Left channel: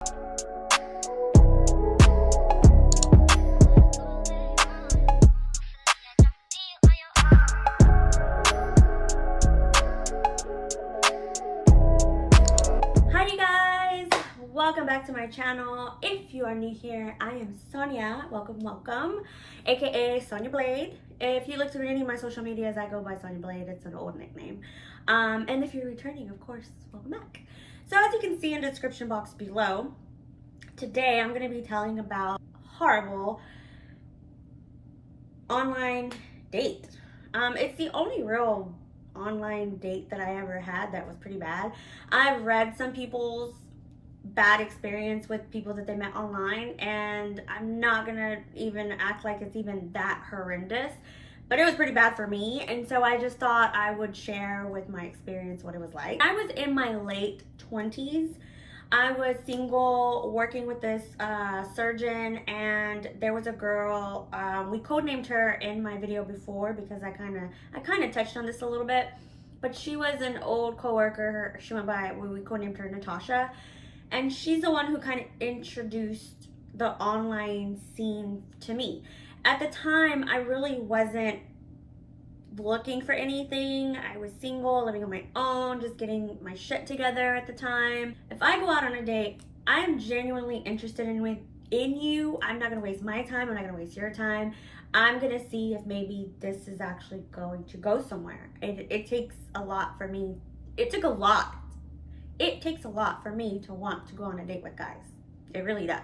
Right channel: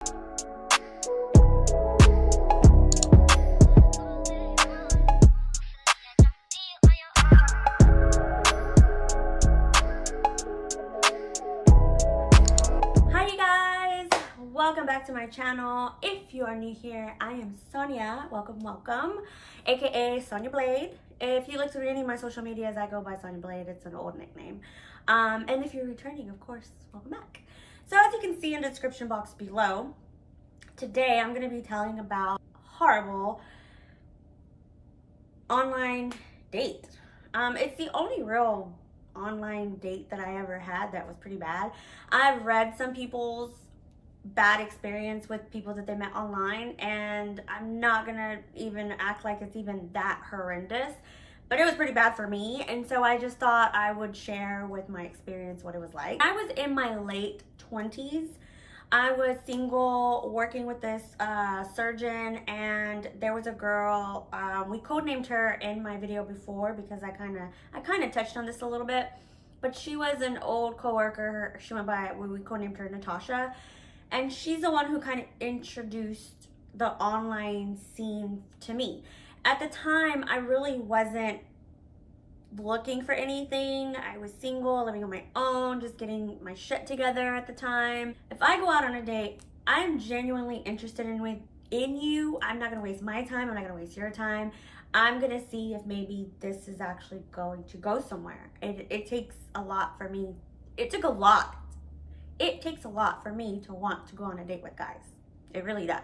Welcome back to my channel. If you are new here, I am Sonia. Welcome, aka Sonia Blade. If you look through any of my social medias, I go by Sonia Blade. It's an old nickname. And if you're returning, of course, welcome back. So as you can see in the description box below, today I'm going to be telling about horrible online date. It's the only real online date that I ever had that was pretty bad. I've read some people's bad experience with people that they met online, and I'm not gonna even act like it's even that horrendous, but it was pretty bad for me. And so I just thought I would share with my experience what it was like. I was in my late 20s. I was single, working with this surgeon, and there was a girl. We codenamed her in my video before because I kind of touched on this a little bit, but she was an old coworker. She went by, we codenamed her Natasha. And she's the one who kind of introduced the online scene to me. At the time, I really wasn't looking for anything. I was single, living on my own, just getting my shit together at the time. If I go out on a date, I am genuinely interested in you. I'm not gonna waste my time. I'm not gonna waste your time. I'm gonna see if maybe this is actually going to go somewhere. It takes a lot for me. It takes a lot for me to want to go on a date with guys. It really does.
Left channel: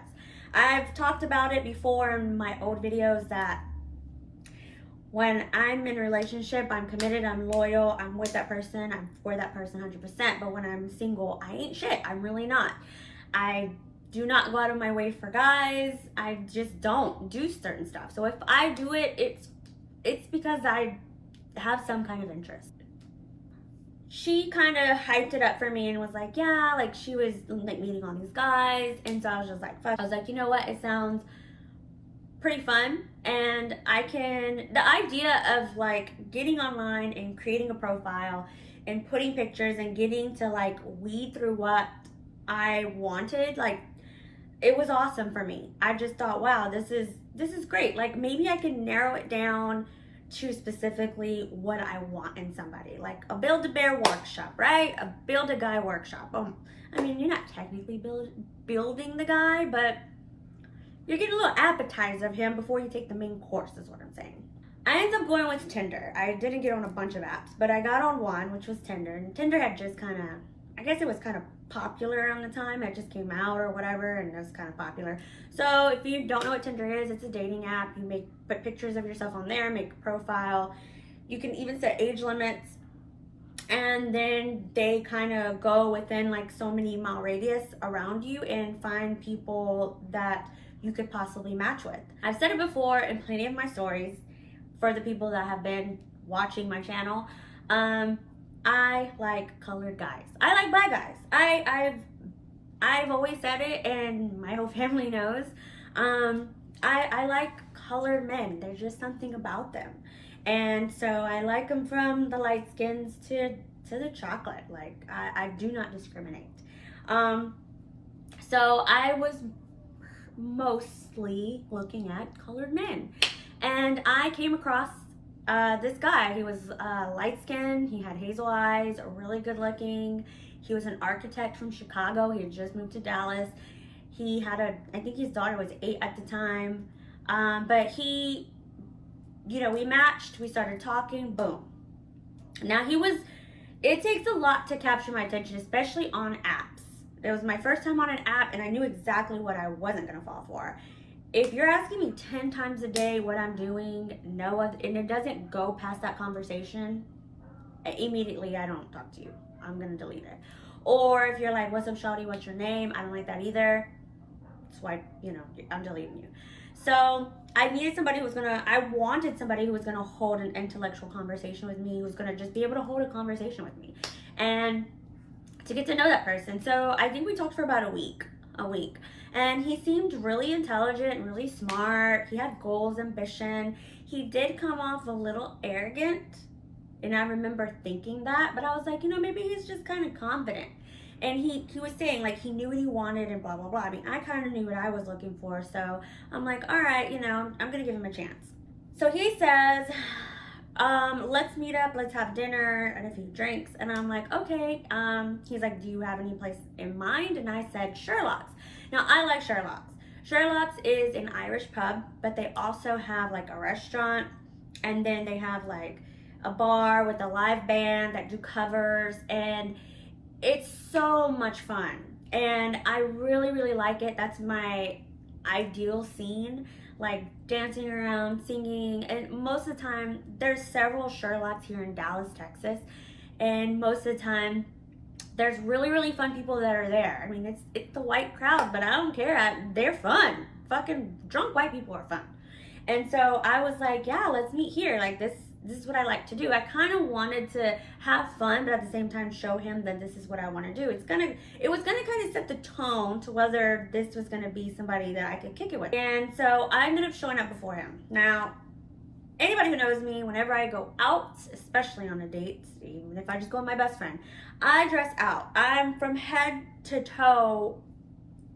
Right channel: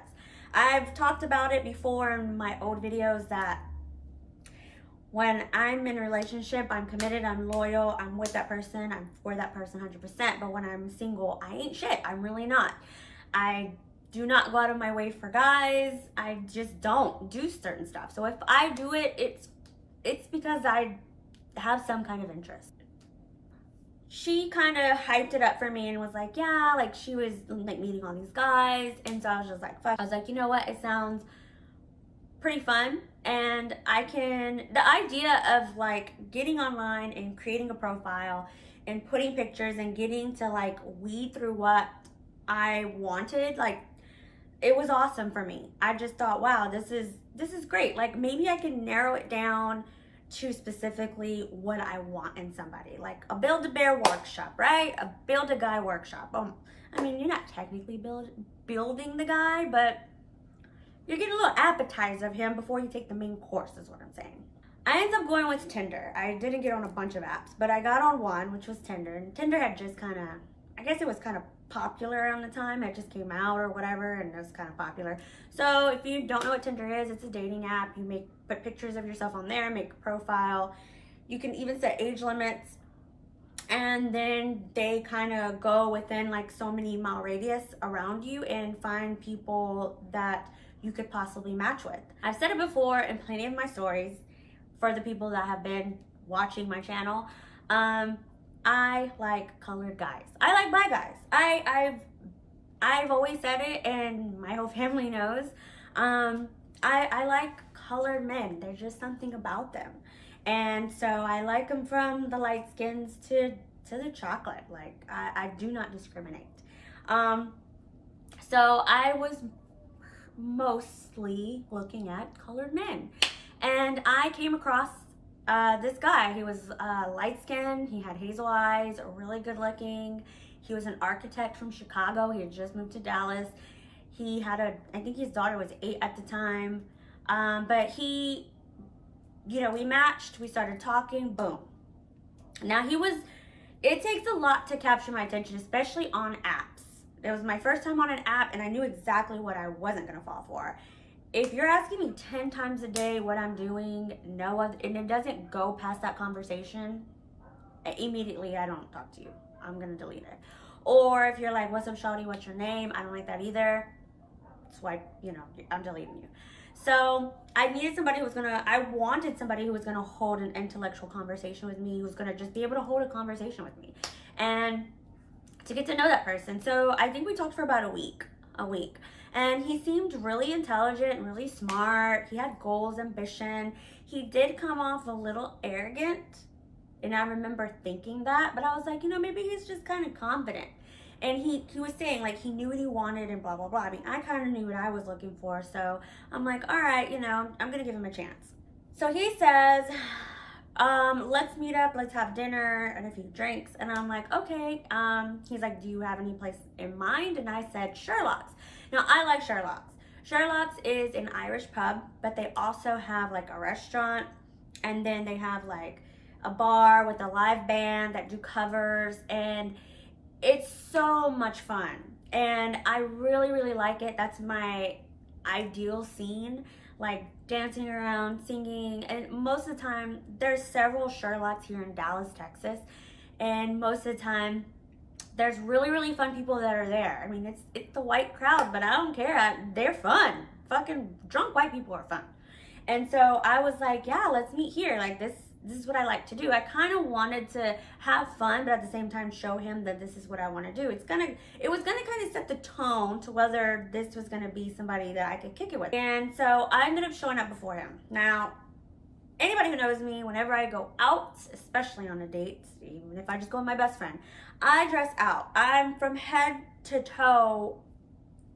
I've talked about it before in my old videos that when I'm in a relationship, I'm committed, I'm loyal, I'm with that person, I'm for that person 100%. But when I'm single, I ain't shit. I'm really not. I do not go out of my way for guys. I just don't do certain stuff. So if I do it, it's because I have some kind of interest. She kind of hyped it up for me and was like, yeah, like she was like meeting all these guys. And so I was just like, fuck. I was like, you know what? It sounds pretty fun. And the idea of like getting online and creating a profile and putting pictures and getting to like weed through what I wanted, like it was awesome for me. I just thought, wow, this is great. Like maybe I can narrow it down to specifically what I want in somebody, like a Build-A-Bear workshop, right? A Build-A-Guy workshop. I mean, you're not technically building the guy, but you're getting a little appetizer of him before you take the main course, is what I'm saying. I ended up going with Tinder. I didn't get on a bunch of apps, but I got on one, which was Tinder. And Tinder had just I guess it was kind of popular around the time. It just came out or whatever, and it was kind of popular. So if you don't know what Tinder is, it's a dating app. You put pictures of yourself on there, make a profile. You can even set age limits, and then they kind of go within like so many mile radius around you and find people that you could possibly match with. I've said it before in plenty of my stories for the people that have been watching my channel. I like colored guys. I like black guys. I've always said it, and my whole family knows. I like colored men. There's just something about them. And so I like them from the light skins to the chocolate. Like I do not discriminate. So I was mostly looking at colored men, and I came across this guy. He was light skinned, he had hazel eyes, really good looking. He was an architect from Chicago. He had just moved to Dallas. He had I think his daughter was 8 at the time. But we matched, we started talking, boom. Now it takes a lot to capture my attention, especially on apps. It was my first time on an app, and I knew exactly what I wasn't gonna fall for. If you're asking me 10 times a day what I'm doing, and it doesn't go past that conversation, immediately I don't talk to you. I'm gonna delete it. Or if you're like, what's up, shawty, what's your name? I don't like that either. Swipe, I'm deleting you. So I wanted somebody who was gonna hold an intellectual conversation with me, who was gonna just be able to hold a conversation with me and to get to know that person. So I think we talked for about a week. And he seemed really intelligent, really smart. He had goals, ambition. He did come off a little arrogant, and I remember thinking that, but I was like, maybe he's just kind of confident. And he was saying, like, he knew what he wanted and blah, blah, blah. I mean, I kind of knew what I was looking for. So I'm like, all right, you know, I'm going to give him a chance. So he says, let's meet up, let's have dinner and a few drinks. And I'm like, okay. He's like, do you have any place in mind? And I said, Sherlock's. Now, I like Sherlock's. Sherlock's is an Irish pub, but they also have like a restaurant, and then they have like a bar with a live band that do covers, and it's so much fun. And I really, really like it. That's my ideal scene, like dancing around, singing. And most of the time, there's several Sherlock's here in Dallas, Texas, and most of the time there's really, really fun people that are there. I mean, it's the white crowd, but I don't care. They're fun. Fucking drunk white people are fun. And so I was like, yeah, let's meet here. Like, this is what I like to do. I kind of wanted to have fun, but at the same time show him that this is what I want to do. It was gonna kind of set the tone to whether this was gonna be somebody that I could kick it with. And so I ended up showing up before him. Now, anybody who knows me, whenever I go out, especially on a date, even if I just go with my best friend, I dress out. I'm from head to toe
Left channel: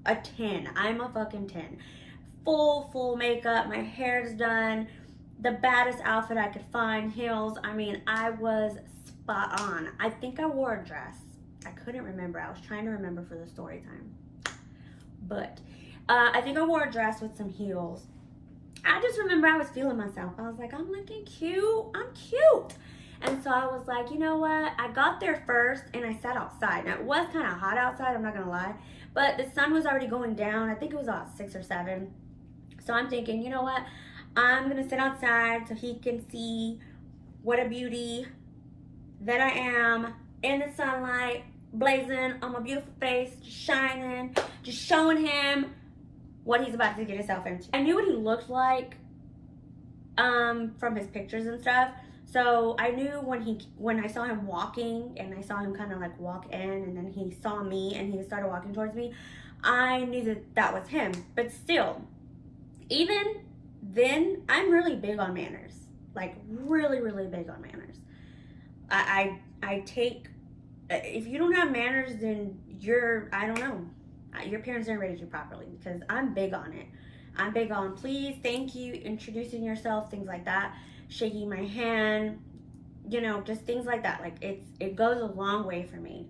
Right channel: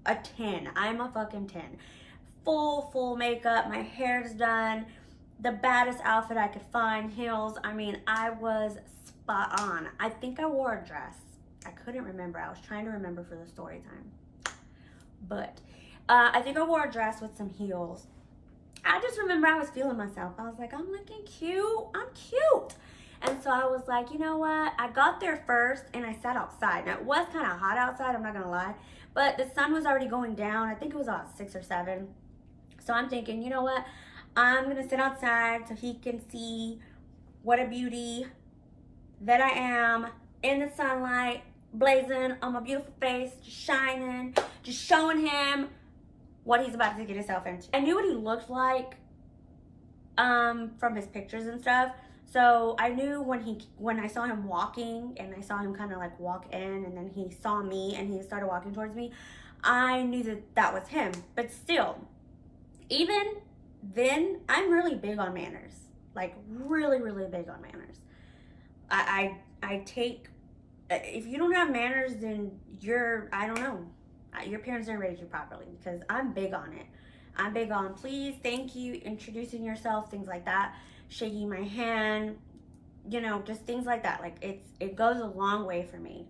a 10. I'm a fucking 10. Full makeup, my hair's done, the baddest outfit I could find, heels. I mean, I was spot on. I think I wore a dress. I couldn't remember. I was trying to remember for the story time. But I think I wore a dress with some heels. I just remember I was feeling myself. I was like, I'm looking cute. I'm cute. And so I was like, you know what? I got there first and I sat outside. Now, it was kind of hot outside, I'm not going to lie. But the sun was already going down. I think it was about 6 or 7. So I'm thinking, you know what? I'm going to sit outside so he can see what a beauty that I am in the sunlight, blazing on my beautiful face, just shining, just showing him what he's about to get himself into. I knew what he looked like from his pictures and stuff. So I knew when I saw him walking and I saw him kind of like walk in and then he saw me and he started walking towards me, I knew that was him. But still, even then, I'm really big on manners. Like really, really big on manners. I take, if you don't have manners, then I don't know. Your parents didn't raise you properly, because I'm big on it. I'm big on please, thank you, introducing yourself, things like that, shaking my hand, you know, just things like that. Like it goes a long way for me.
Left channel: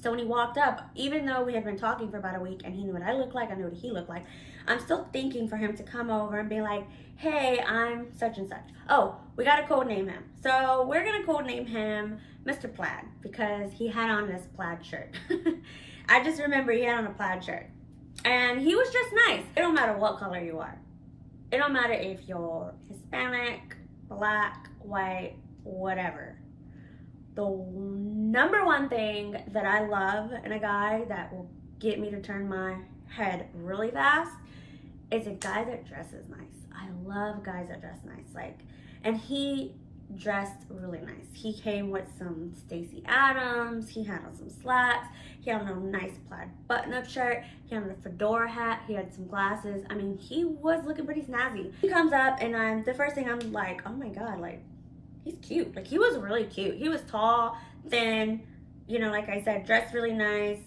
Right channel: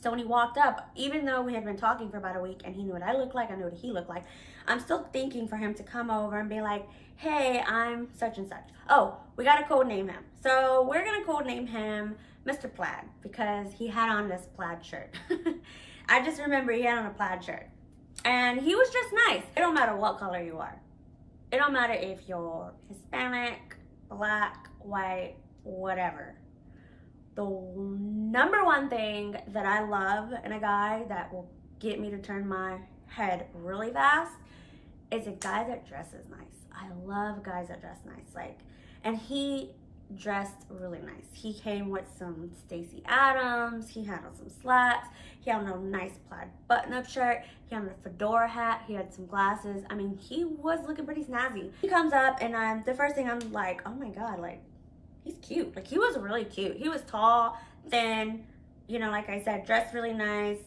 So when he walked up, even though we had been talking for about a week and he knew what I looked like, I knew what he looked like, I'm still thinking for him to come over and be like, hey, I'm such and such. Oh, we got to code name him. So we're going to code name him Mr. Plaid, because he had on this plaid shirt. I just remember he had on a plaid shirt. And he was just nice. It don't matter what color you are. It don't matter if you're Hispanic, black, white, whatever. The number one thing that I love in a guy that will get me to turn my head really fast is a guy that dresses nice. I love guys that dress nice. Like, and he dressed really nice. He came with some Stacey Adams. He had on some slacks. He had on a nice plaid button-up shirt. He had on a fedora hat. He had some glasses. I mean, he was looking pretty snazzy. He comes up and the first thing I'm like, oh my God, like, he's cute. Like, he was really cute. He was tall, thin, you know, like I said, dressed really nice,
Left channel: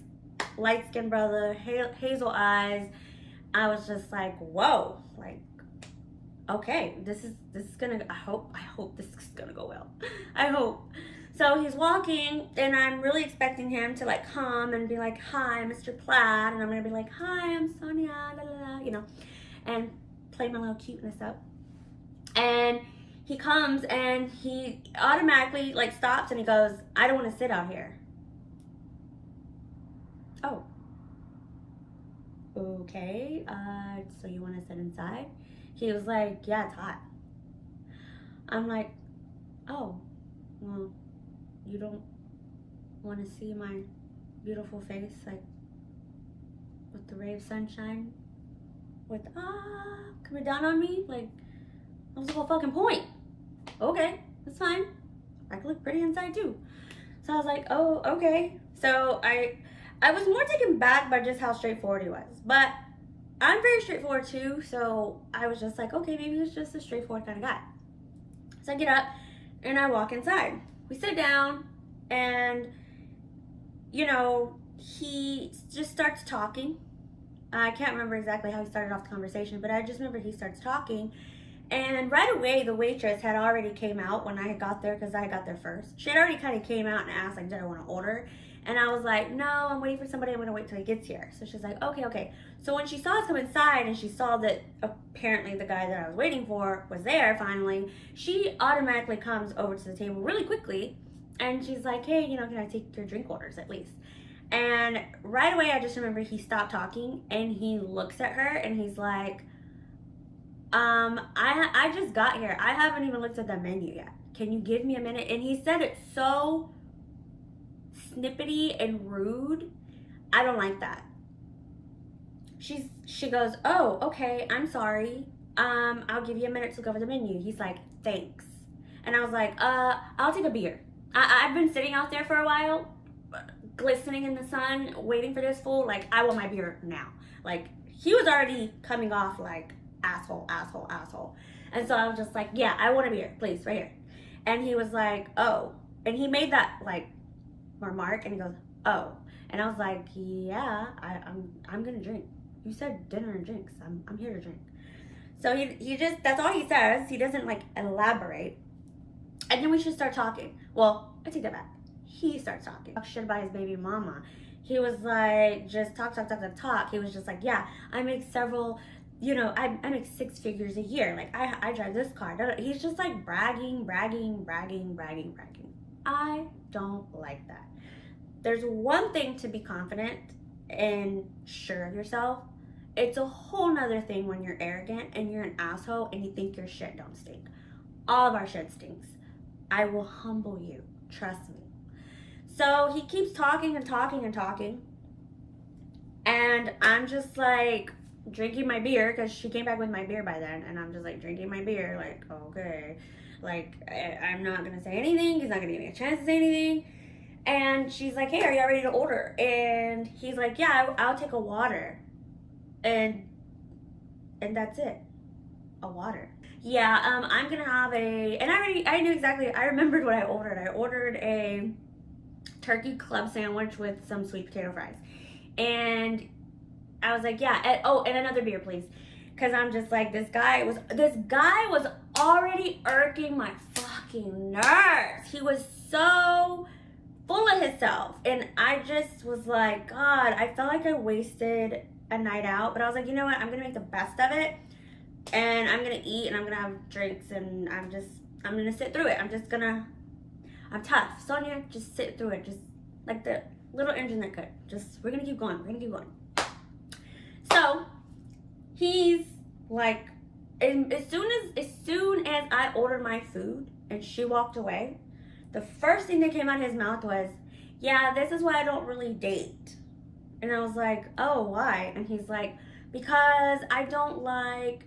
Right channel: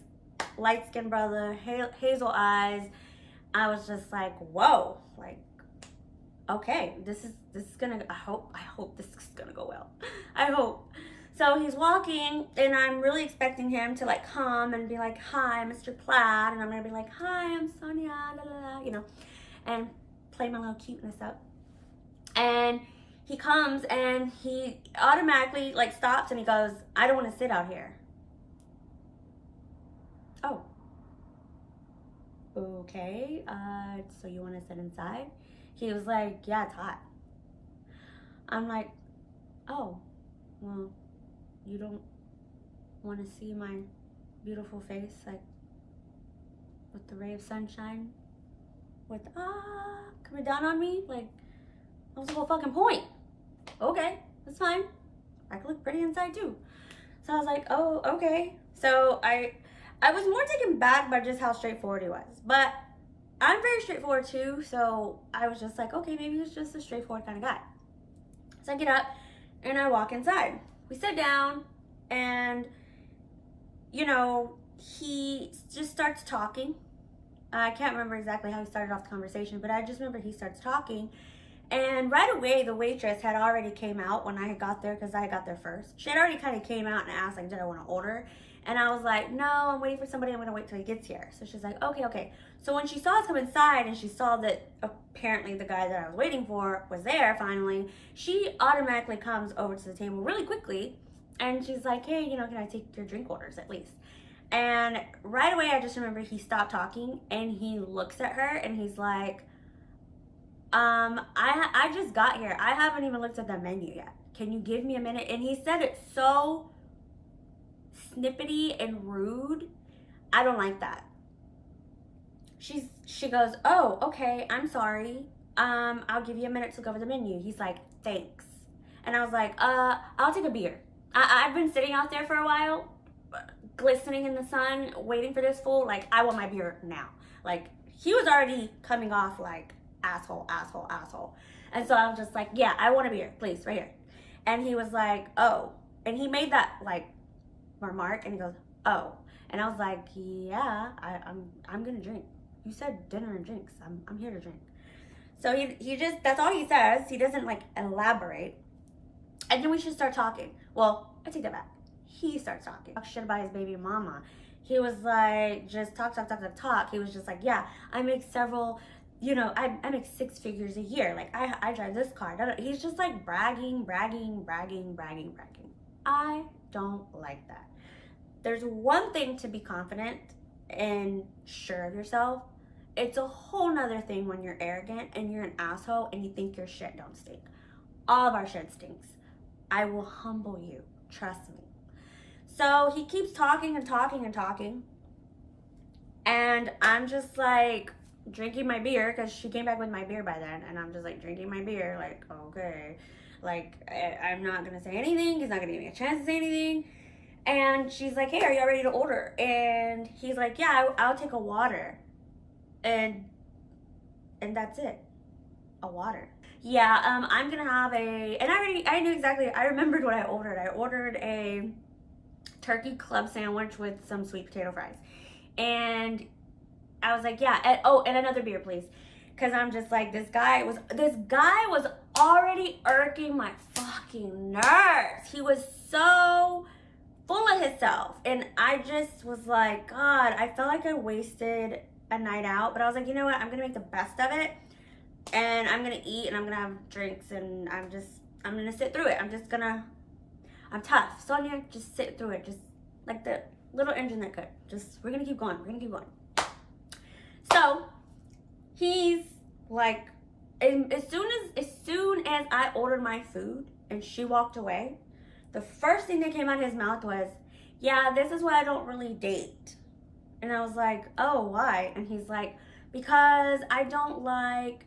light-skinned brother, hazel eyes. I was just like, whoa, like, okay, this is gonna, I hope this is gonna go well. I hope. So he's walking and I'm really expecting him to like come and be like, hi, Mr. Plaid. And I'm gonna be like, hi, I'm Sonia, la, la, la, you know, and play my little cuteness up. And he comes and he automatically like stops and he goes, I don't want to sit out here. Oh, okay, so you want to sit inside? He was like, yeah, it's hot. I'm like, oh, well, you don't want to see my beautiful face, like, with the ray of sunshine, with, coming down on me? Like, that was the whole fucking point. Okay, that's fine. I can look pretty inside too. So I was like, oh, okay. So I was more taken back by just how straightforward he was. But I'm very straightforward too, so I was just like, okay, maybe he's just a straightforward kind of guy. So I get up and I walk inside. We sit down and, you know, he just starts talking. I can't remember exactly how he started off the conversation, but I just remember he starts talking. And right away, the waitress had already came out when I had got there, because I got there first. She had already kind of came out and asked, like, did I want to order? And I was like, no, I'm waiting for somebody. I'm going to wait till he gets here. So she's like, okay, okay. So when she saw us come inside and she saw that apparently the guy that I was waiting for was there finally, she automatically comes over to the table really quickly. And she's like, hey, you know, can I take your drink orders at least? And right away, I just remember he stopped talking and he looks at her and he's like, I just got here. I haven't even looked at the menu yet. Can you give me a minute? And he said it so snippety and rude. I don't like that. She goes, oh, okay, I'm sorry. I'll give you a minute to go over the menu. He's like, thanks. And I was like, I'll take a beer. I've been sitting out there for a while, glistening in the sun, waiting for this fool. Like, I want my beer now. Like, he was already coming off like, asshole, asshole, asshole. And so I was just like, yeah, I want a beer, please, right here. And he was like, oh. And he made that, like, remark, and he goes, oh. And I was like, yeah, I'm gonna drink. You said dinner and drinks. I'm here to drink. So he just, that's all he says. He doesn't, like, elaborate. And then we should start talking. Well, I take that back. He starts talking. Talk shit about his baby mama. He was like, just talk. He was just like, yeah, I make several, you know, I make 6 figures a year. Like, I drive this car. He's just like bragging. I don't like that. There's one thing to be confident and sure of yourself. It's a whole nother thing when you're arrogant and you're an asshole and you think your shit don't stink. All of our shit stinks. I will humble you. Trust me. So he keeps talking. And I'm just like drinking my beer, because she came back with my beer by then. And I'm just like drinking my beer, like, okay. Like, I'm not going to say anything. He's not going to give me a chance to say anything. And she's like, hey, are y'all ready to order? And he's like, yeah, I'll take a water. And that's it. A water. Yeah, I'm going to have and I knew exactly, I remembered what I ordered. I ordered a turkey club sandwich with some sweet potato fries. And I was like, yeah, and another beer, please. Because I'm just like, this guy was already irking my fucking nerves. He was so full of himself. And I just was like, God, I felt like I wasted a night out. But I was like, you know what? I'm going to make the best of it. And I'm going to eat and I'm going to have drinks. And I'm going to sit through it. I'm tough. Sonia, just sit through it. Just like the little engine that could. We're going to keep going. So he's like, and as soon as I ordered my food and she walked away, the first thing that came out of his mouth was, yeah, this is why I don't really date. And I was like, oh, why? And he's like, because I don't like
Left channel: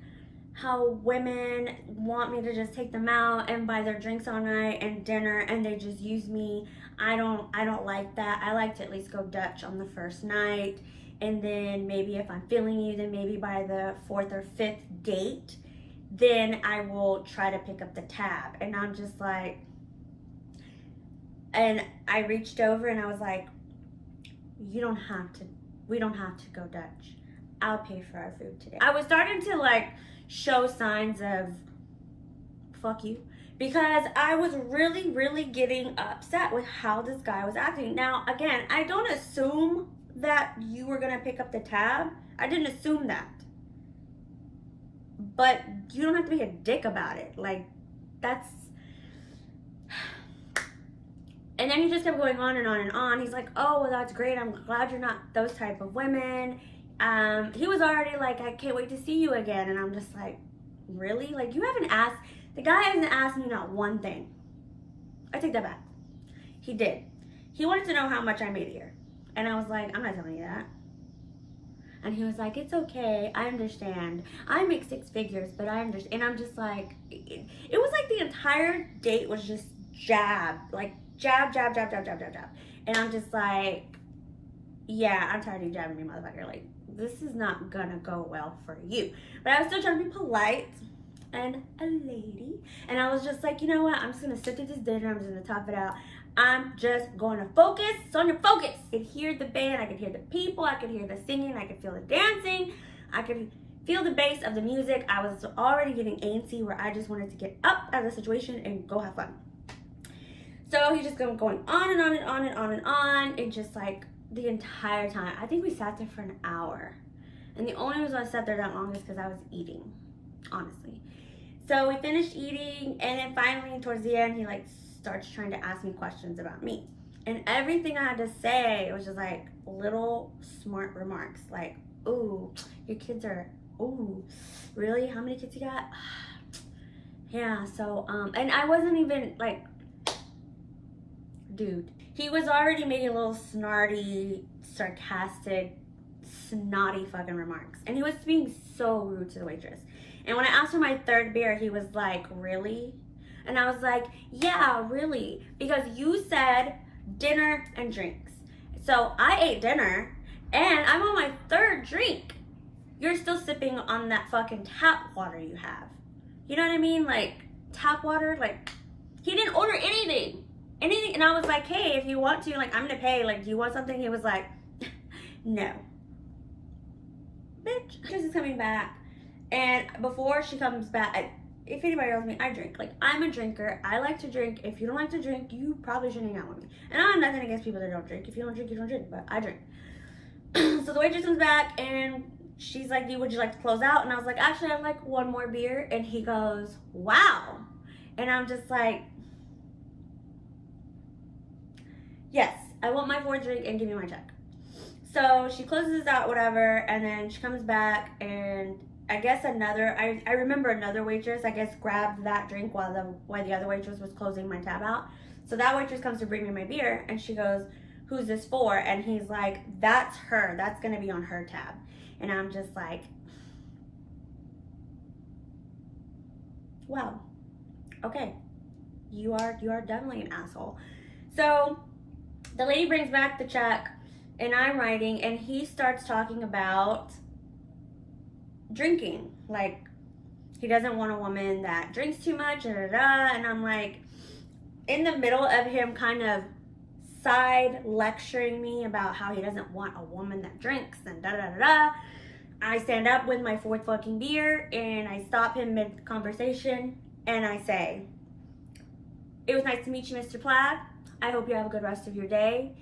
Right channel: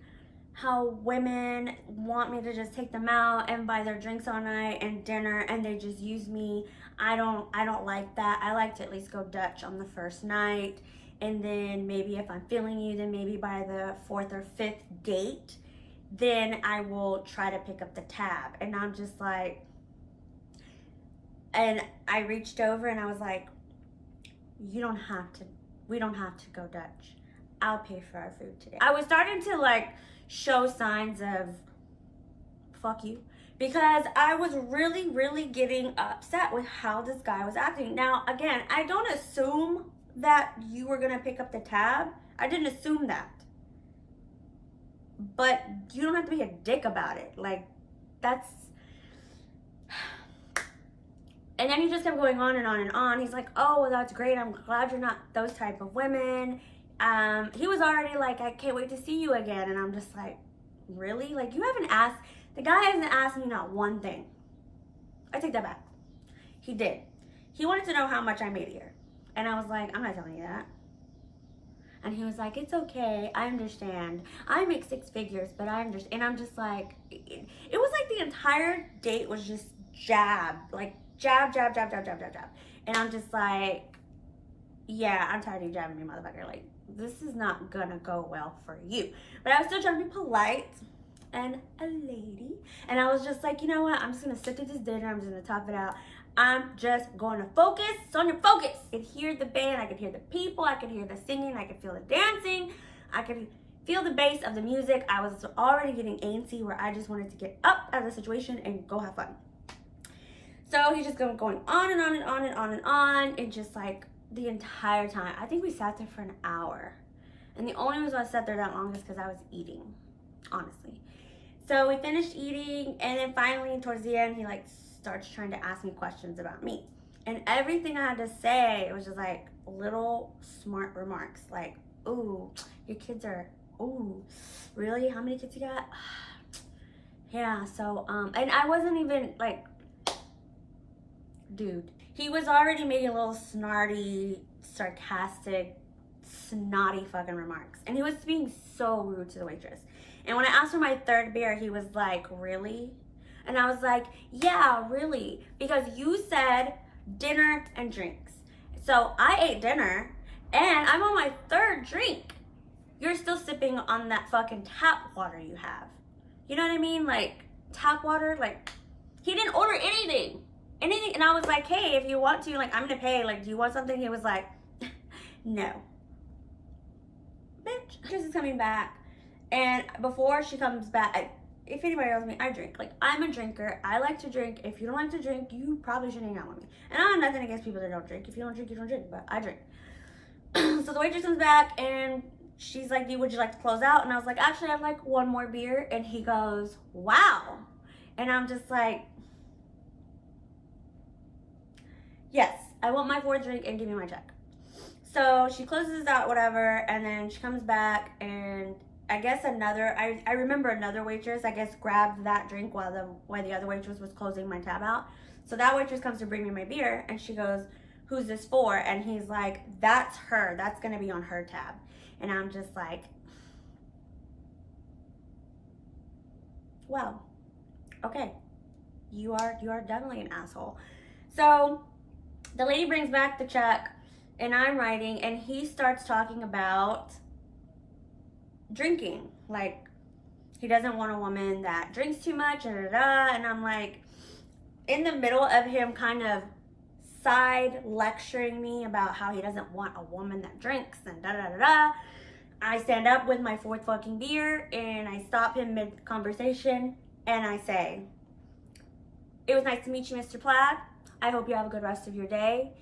how women want me to just take them out and buy their drinks all night and dinner, and they just use me. I don't like that. I like to at least go Dutch on the first night. And then maybe if I'm feeling you, then maybe by the 4th or 5th date, then I will try to pick up the tab. And I'm just like, and I reached over and I was like, we don't have to go Dutch. I'll pay for our food today. I was starting to like show signs of fuck you, because I was really, really getting upset with how this guy was acting. Now, again, I don't assume that you were gonna pick up the tab. I didn't assume that. But you don't have to be a dick about it. Like, that's... And then he just kept going on and on and on. He's like, oh, well, that's great. I'm glad you're not those type of women. He was already like, I can't wait to see you again. And I'm just like, really? Like, you haven't asked... The guy hasn't asked me not one thing. I take that back. He did. He wanted to know how much I made a year. And I was like, I'm not telling you that. And he was like, it's okay. I understand. I make 6 figures, but I understand. And I'm just like, it was like the entire date was just jab. Like, jab. And I'm just like, yeah, I'm tired of you jabbing me, motherfucker. Like, this is not gonna go well for you. But I was still trying to be polite and a lady. And I was just like, you know what? I'm just gonna sit through this dinner. I'm just gonna top it out. I'm just going to focus. Sonia, focus. I could hear the band. I could hear the people. I could hear the singing. I could feel the dancing. I could feel the bass of the music. I was already getting antsy where I just wanted to get up out of the situation and go have fun. So he's just going on and on and on and on and on. And just like the entire time. I think we sat there for an hour. And the only reason I sat there that long is because I was eating, honestly. So we finished eating, and then finally towards the end, he like starts trying to ask me questions about me. And everything I had to say, it was just like little smart remarks. Like, ooh, your kids are, ooh, really? How many kids you got? Yeah, so, and I wasn't even like, dude. He was already making little snarty, sarcastic, snotty fucking remarks. And he was being so rude to the waitress. And when I asked for my third beer, he was like, really? And I was like, yeah, really. Because you said dinner and drinks. So I ate dinner and I'm on my third drink. You're still sipping on that fucking tap water you have. You know what I mean? Like, tap water, like, he didn't order anything. And I was like, hey, if you want to, like, I'm gonna pay. Like, do you want something? He was like, no. Bitch, Chris is coming back. And before she comes back, if anybody knows me, I drink. Like, I'm a drinker. I like to drink. If you don't like to drink, you probably shouldn't hang out with me. And I have nothing against people that don't drink. If you don't drink, you don't drink. But I drink. So the waitress comes back and she's like, would you like to close out? And I was like, actually, I'd like one more beer. And he goes, wow. And I'm just like, yes, I want my fourth drink and give me my check. So she closes out, whatever. And then she comes back and I guess I remember another waitress, I guess, grabbed that drink while the other waitress was closing my tab out. So that waitress comes to bring me my beer, and she goes, who's this for? And he's like, that's her. That's going to be on her tab. And I'm just like, wow, okay, you are definitely an asshole. So the lady brings back the check, and I'm writing, and he starts talking about drinking. Like, he doesn't want a woman that drinks too much, and I'm like, in the middle of him kind of side lecturing me about how he doesn't want a woman that drinks and I stand up with my fourth fucking beer and I stop him mid conversation and I say, it was nice to meet you, Mr. Plaid. I hope you have a good rest of your day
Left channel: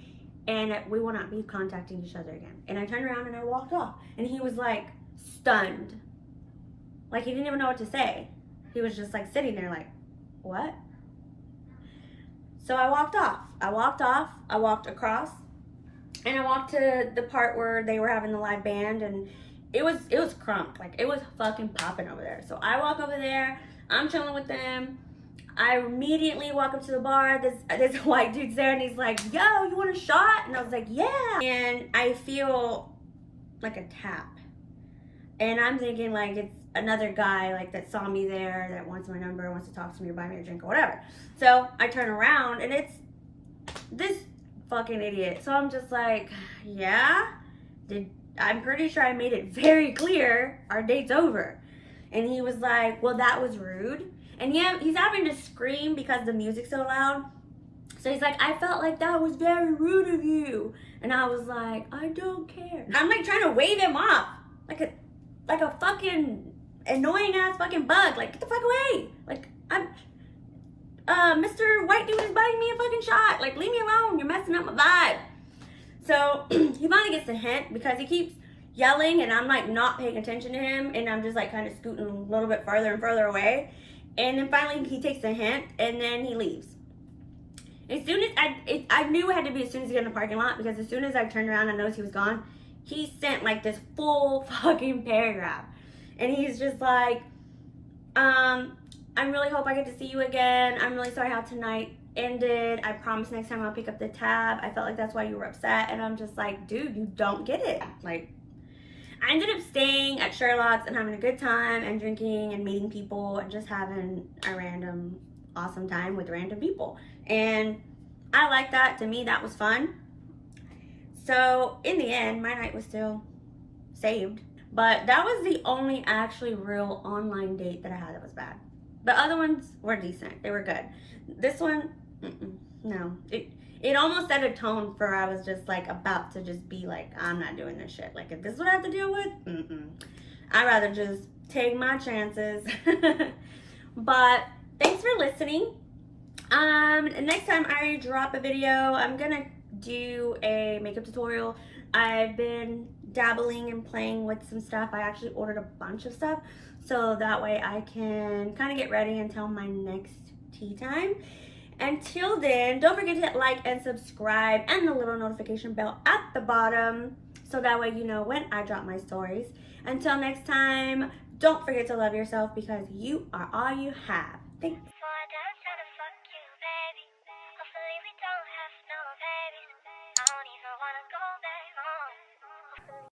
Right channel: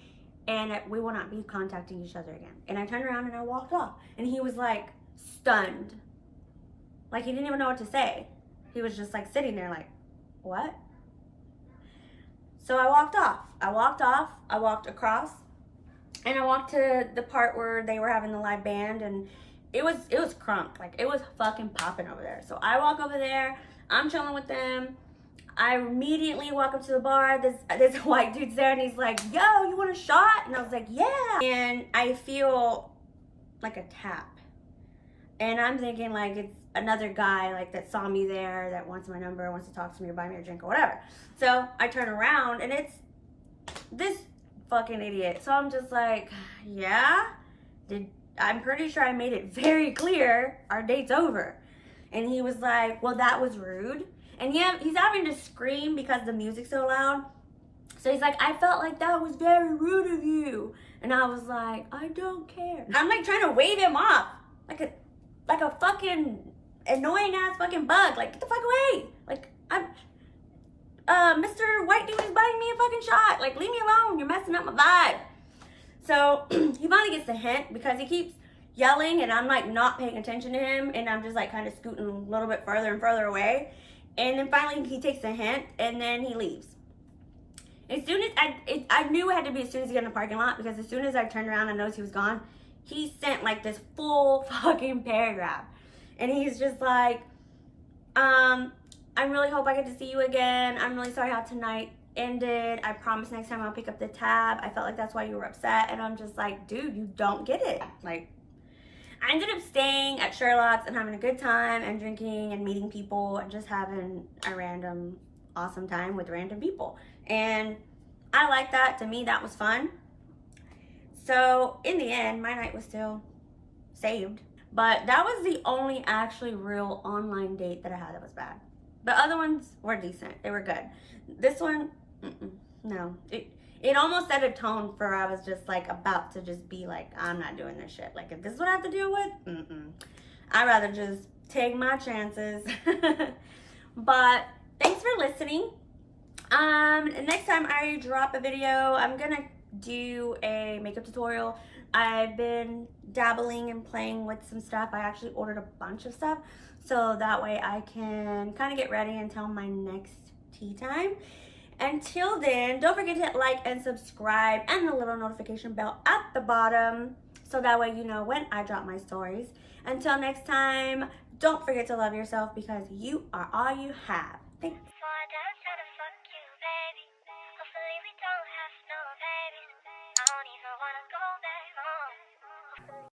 and we will not be contacting each other again. And I turned around and I walked off, and he was like stunned. Like, he didn't even know what to say. He was just like sitting there like, what? So I walked off. I walked across, and I walked to the part where they were having the live band, and it was crunk. Like, it was fucking popping over there. So I walk over there, I'm chilling with them. I immediately walk up to the bar. This white dude's there, and he's like, yo, you want a shot? And I was like, yeah. And I feel like a tap. And I'm thinking like it's another guy like that saw me there, that wants my number, wants to talk to me or buy me a drink or whatever. So I turn around and it's this fucking idiot. So I'm just like, yeah, I'm pretty sure I made it very clear our date's over. And he was like, well, that was rude. And yeah, he's having to scream because the music's so loud. So he's like, I felt like that was very rude of you. And I was like, I don't care. I'm like trying to wave him off like a fucking annoying ass fucking bug. Like, get the fuck away. Like, Mr. White Dude is buying me a fucking shot. Like, leave me alone. You're messing up my vibe. So he finally gets the hint because he keeps yelling and I'm like not paying attention to him, and I'm just like kind of scooting a little bit further and further away. And then finally he takes the hint and then he leaves. As soon as I knew it had to be as soon as he got in the parking lot, because as soon as I turned around and noticed he was gone, he sent like this full fucking paragraph. And he's just like, I really hope I get to see you again. I'm really sorry how tonight ended. I promise next time I'll pick up the tab. I felt like that's why you were upset. And I'm just like, dude, you don't get it. Like, I ended up staying at Sherlock's and having a good time and drinking and meeting people and just having a random awesome time with random people. And I like that. To me, that was fun. So in the end, my night was still saved. But that was the only actually real online date that I had that was bad. The other ones were decent. They were good. This one, no. It almost set a tone for I was just like about to just be like, I'm not doing this shit. Like, if this is what I have to deal with, I'd rather just take my chances. But thanks for listening. Next time I drop a video, I'm gonna do a makeup tutorial. I've been dabbling and playing with some stuff. I actually ordered a bunch of stuff so that way I can kind of get ready until my next tea time. Until then, don't forget to hit like and subscribe and the little notification bell at the bottom so that way you know when I drop my stories. Until next time, don't forget to love yourself because you are all you have. Thanks. Hopefully we don't have no babies. I don't even wanna go back.